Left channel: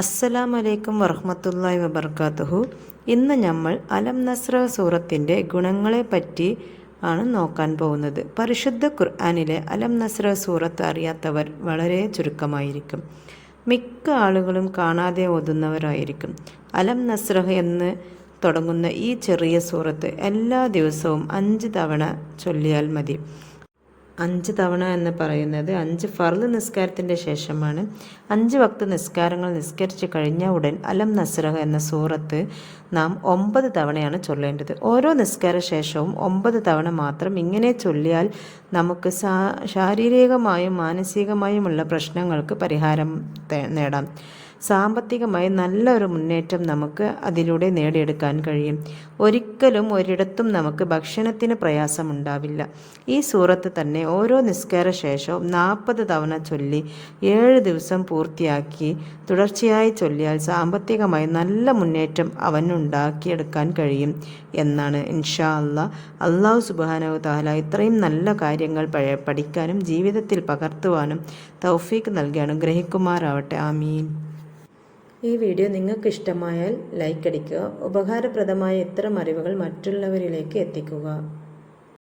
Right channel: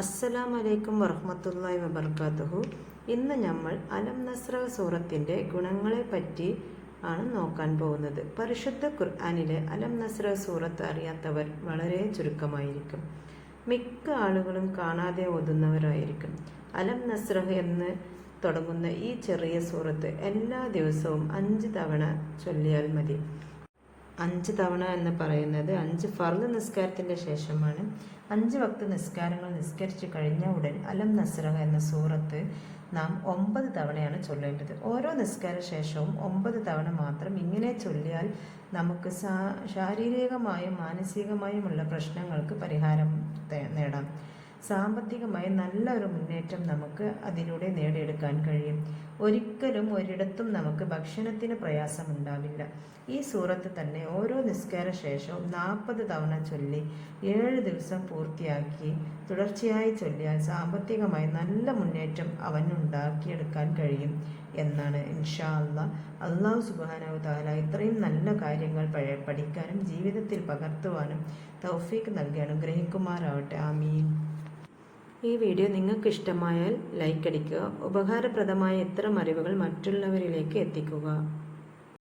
അസ്സലാമു അലൈക്കും വറഹ്മത്തുള്ളാഹി വബർക്കാത്തുഹു. ഇന്ന് നമ്മൾ അലം നസ്ര സൂറത്തിൻ്റെ ഗുണങ്ങളെപ്പറ്റി ആണ് നോക്കാൻ പോകുന്നത്. പരിശുദ്ധ ഖുർആനിലെ അലം നസ്ര സൂറത്ത് അറിയാത്തവർ വളരെ ചുരുക്കമായിരിക്കും. മിക്ക ആളുകളും കാണാതെ ഓതുന്നവരായിരിക്കും. അലം നസ്രഹ് എന്ന് തുടങ്ങുന്ന ഈ ചെറിയ സൂറത്ത് എല്ലാ ദിവസവും 5 തവണ ചൊല്ലിയാൽ മതി. 5 തവണ എന്ന് പറയുന്നത് 5 ഫർള് നിസ്കാരത്തിൻ്റെ ശേഷമാണ്. 5 വക്ത് നിസ്കാരങ്ങൾ നിസ്കരിച്ച് കഴിഞ്ഞ ഉടൻ അലം നസ്രഹ് എന്ന സൂറത്ത് നാം 9 തവണയാണ് ചൊല്ലേണ്ടത്. ഓരോ നിസ്കാര ശേഷവും 9 തവണ മാത്രം ഇങ്ങനെ ചൊല്ലിയാൽ നമുക്ക് ശാരീരികമായും മാനസികമായുമുള്ള പ്രശ്നങ്ങൾക്ക് പരിഹാരം നേടാം. സാമ്പത്തികമായി നല്ലൊരു മുന്നേറ്റം നമുക്ക് അതിലൂടെ നേടിയെടുക്കാൻ കഴിയും. ഒരിക്കലും ഒരിടത്തും നമുക്ക് ഭക്ഷണത്തിന് പ്രയാസമുണ്ടാവില്ല. ഈ സൂറത്ത് തന്നെ ഓരോ നിസ്കാര ശേഷവും 40 തവണ ചൊല്ലി 7 ദിവസം പൂർത്തിയാക്കി തുടർച്ചയായി ചൊല്ലിയാൽ സാമ്പത്തികമായി നല്ല മുന്നേറ്റം അവനുണ്ടാക്കിയെടുക്കാൻ കഴിയും എന്നാണ്. ഇൻഷാ അല്ലാഹു സുബ്ഹാനഹു തആല ഇത്രയും നല്ല കാര്യങ്ങൾ പഠിക്കാനും ജീവിതത്തിൽ പകർത്തുവാനും തൗഫീക്ക് നൽകി അനുഗ്രഹിക്കുമാറാവട്ടെ. ആമീൻ. ഈ വീഡിയോ നിങ്ങൾക്ക് ഇഷ്ടമായാൽ ലൈക്ക് അടിക്കുക. ഉപകാരപ്രദമായ ഇത്തരം അറിവുകൾ മറ്റുള്ളവരിലേക്ക് എത്തിക്കുക.